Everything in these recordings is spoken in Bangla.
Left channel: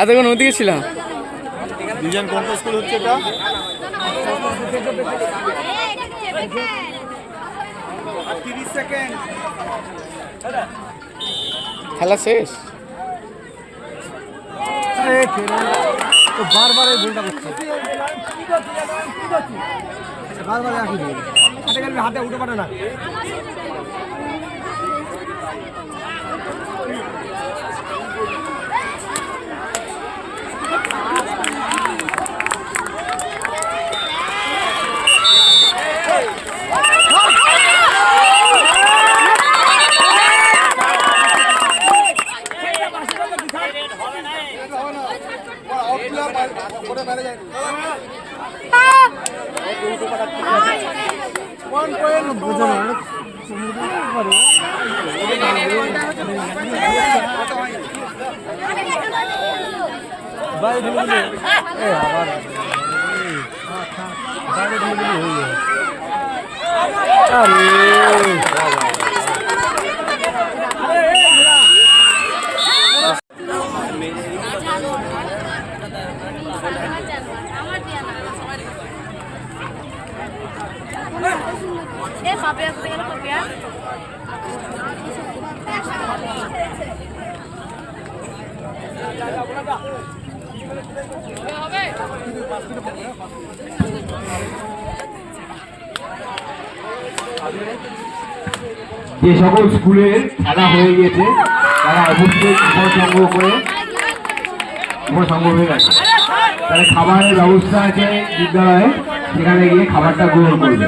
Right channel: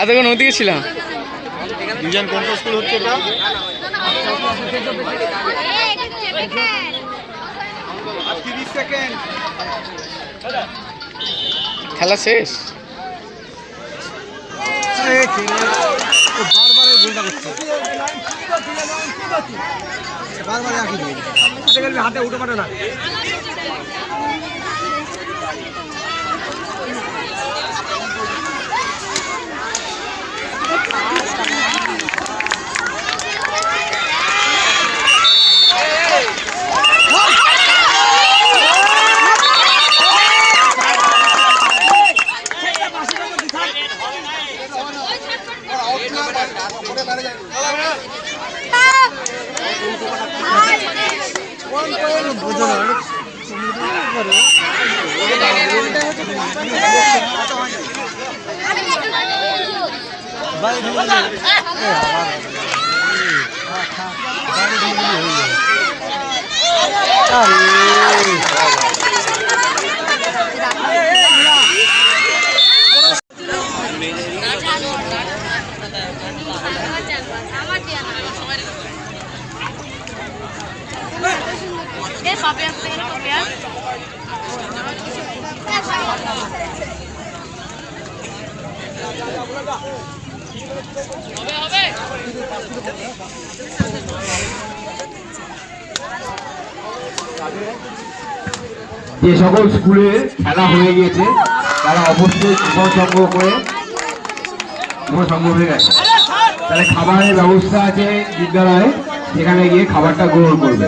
এতক্ষণ ওদিকে ছিলাম। ডিজাইন কোন স্কুল হচ্ছে এটা? খেলা শেষ। বারবার এই ভুলটা করছে, বারবার একই ভুল। হাতে উঠে পারে না। যে সকল স্কুলের খেলা হয়ে গিয়েছে তারা অবশ্যই উপসংঘ হয়ে গেছে, তাহলে খাবারের ব্যবস্থা আছে বিদ্যালয়ে, সেখানে গিয়ে খাবারটা গ্রহণ করবে।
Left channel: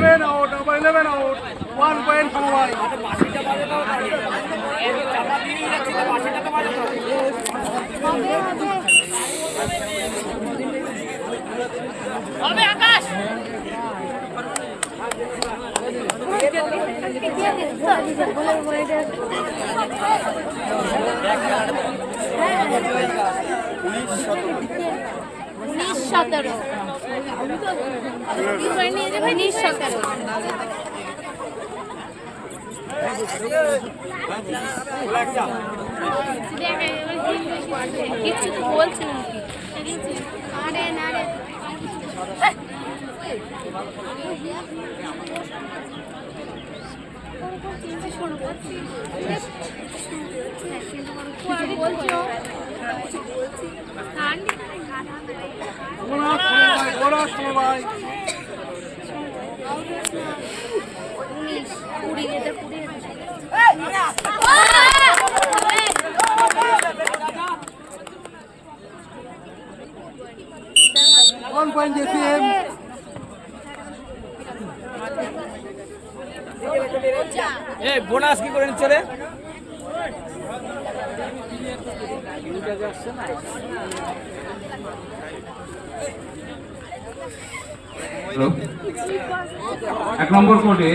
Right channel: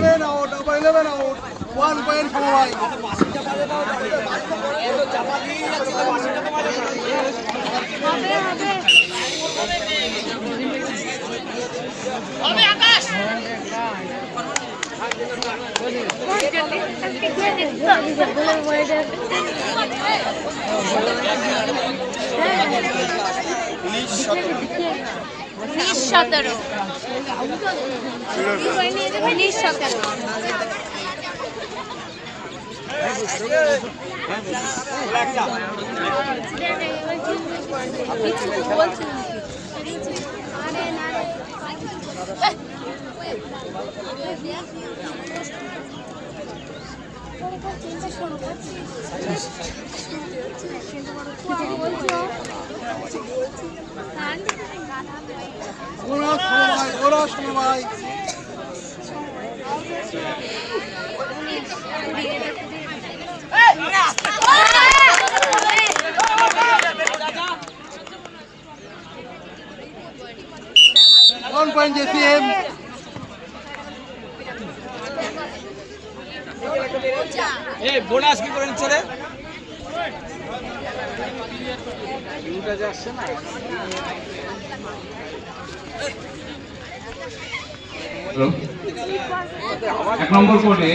বোনাস কি করে নিচ্ছে রে? এক নম্বর কোর্টে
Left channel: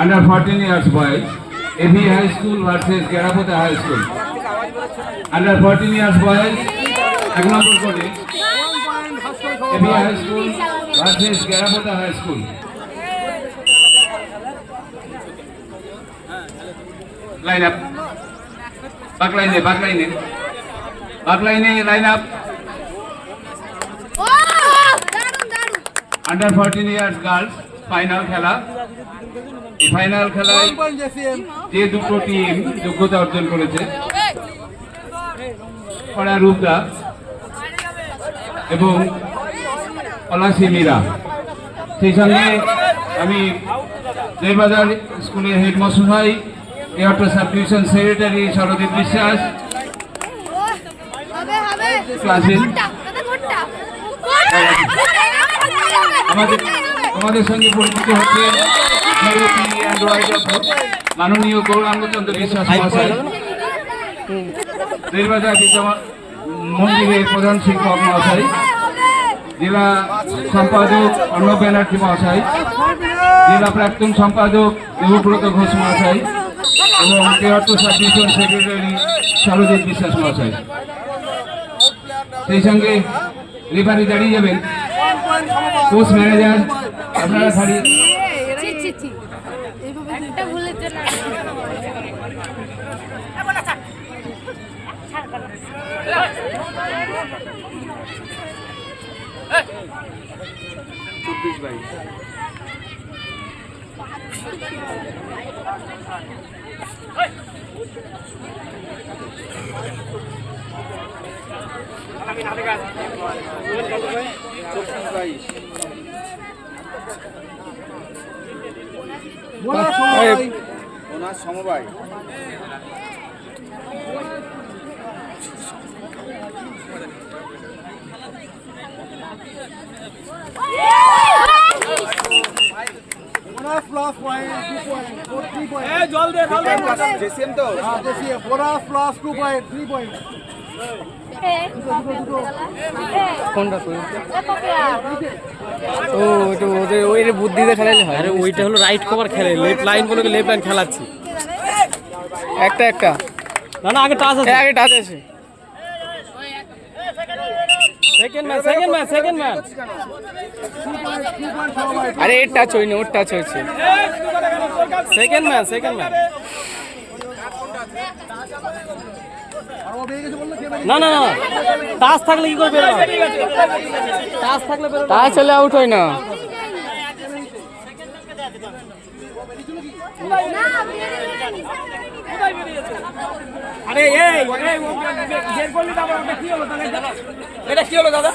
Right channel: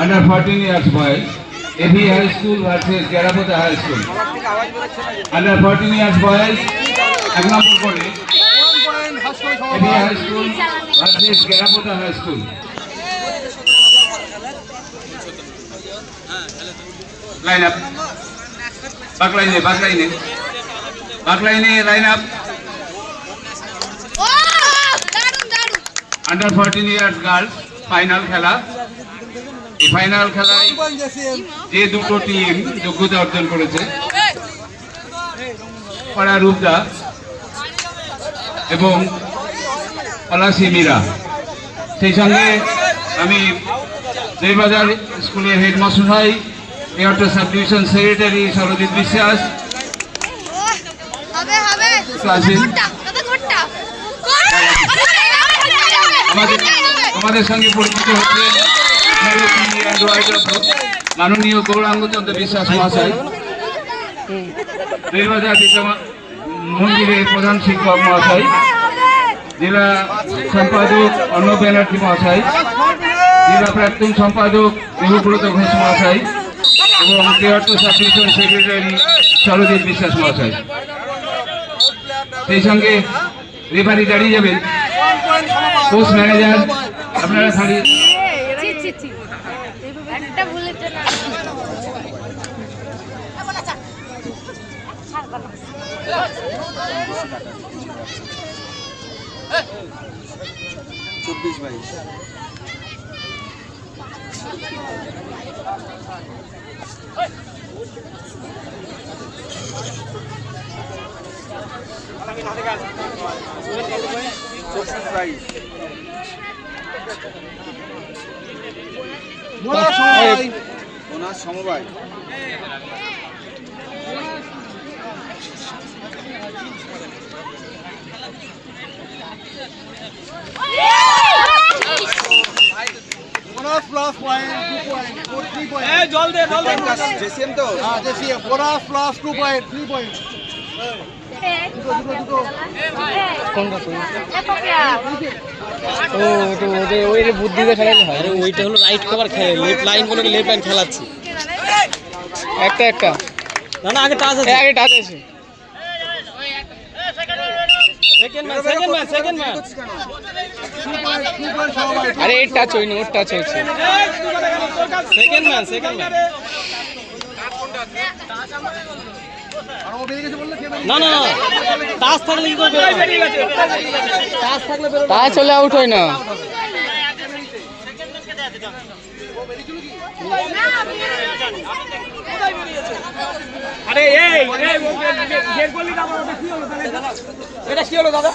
আন্ডার 14 ইয়ার্স বয়স AV high school versus Gerapota high school. Under 14 years বয়স এক নম্বর কোর্টে AV high school versus Gerapota high school. Line up, back লাইনে line up. Under 14 years girls final খেলা। এই ফাইনাল খেলায় যে দুটো টিম যোগ্যতা অর্জন করেছে, পাড়া রূপদা এবং পলাশী মীরা, সেই সঙ্গে আমি দেড়বাজার স্কুলের headmaster Airtel sub division secretary Sarajit বিশ্বাস, আমাদের সঙ্গে পরিচিত হচ্ছে মাননীয় গৌরাঙ্গ চন্দ্র বিশ্বাস মহাশয়, দেড়বাজার মন্দিরের প্রধান শিক্ষক মহাশয়, জেলা সম্পাদক অর্ণব ব্যানার্জি মহাশয়, জেলা প্রাক্তন সম্পাদক দেবব্রত ঘোষ মহাশয় এবং Airtel sub division secretary Sarajit বিশ্বাস মহাশয়। সেই সঙ্গে রেফারি দাঁড়িয়ে যাবেন, কোচ ম্যানেজার আপনারা দাঁড়িয়ে সমবায় plus point, 2 point, 3 point. জল দে জেসিএম তো হ্যাঁ জেসিএম bonus plus 2 point, 3 point. কোনটা ও তো ওদের ওই বুদ্ধিতে খেলালে হয়। ওইটা হলো রাইট কভার খেলে লেফট লাইন বলে লেফট লাইন খেলাচ্ছি। একটা না না আগে টাচ এই আছে, আগে টাচ আছে। সেকেন্ড ম্যান আরে এর টাচ হয়নি, ওর টাচ হয়েছে। সেকেন্ড ম্যান আর ও বেরিয়ে গেছে বললে কে বেরিয়ে না না না টাচ থাকলে কি করবে? টাচ থাকলে বেরোবে। টাচ হলে আউট হয় না। আরে এই গেট করলি দাদা ওটা কি হলো দাদা? এটা কি হলো দাদা?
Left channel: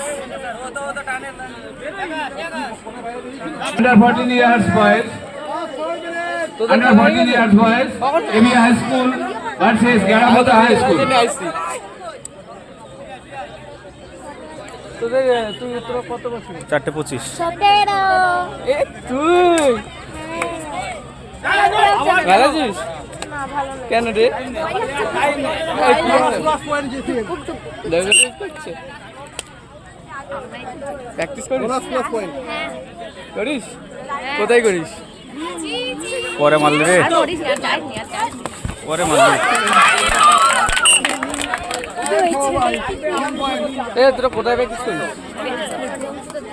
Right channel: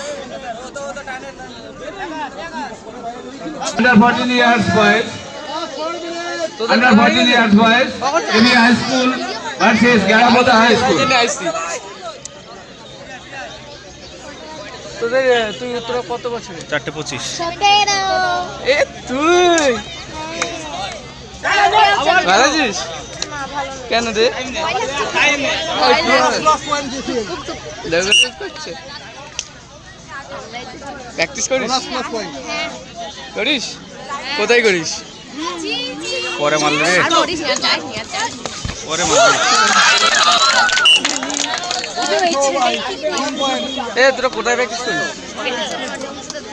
Under 14 years boys. Under 14 years boys. Emi High School versus Garamota High School. তোরা কত বছর? 4:25 এ তুই ভালো আছিস? কেন রে? প্র্যাকটিস করিস? করিস? কোথায় করিস? পরে মারলি রে, পরে মারলি। এ তোরা কোথায় প্র্যাকটিস করিস?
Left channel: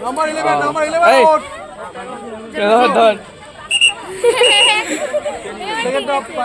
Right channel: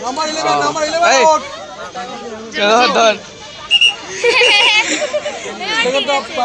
নাম্বার 11 এই, আউট ধর সেকেন্ড অফ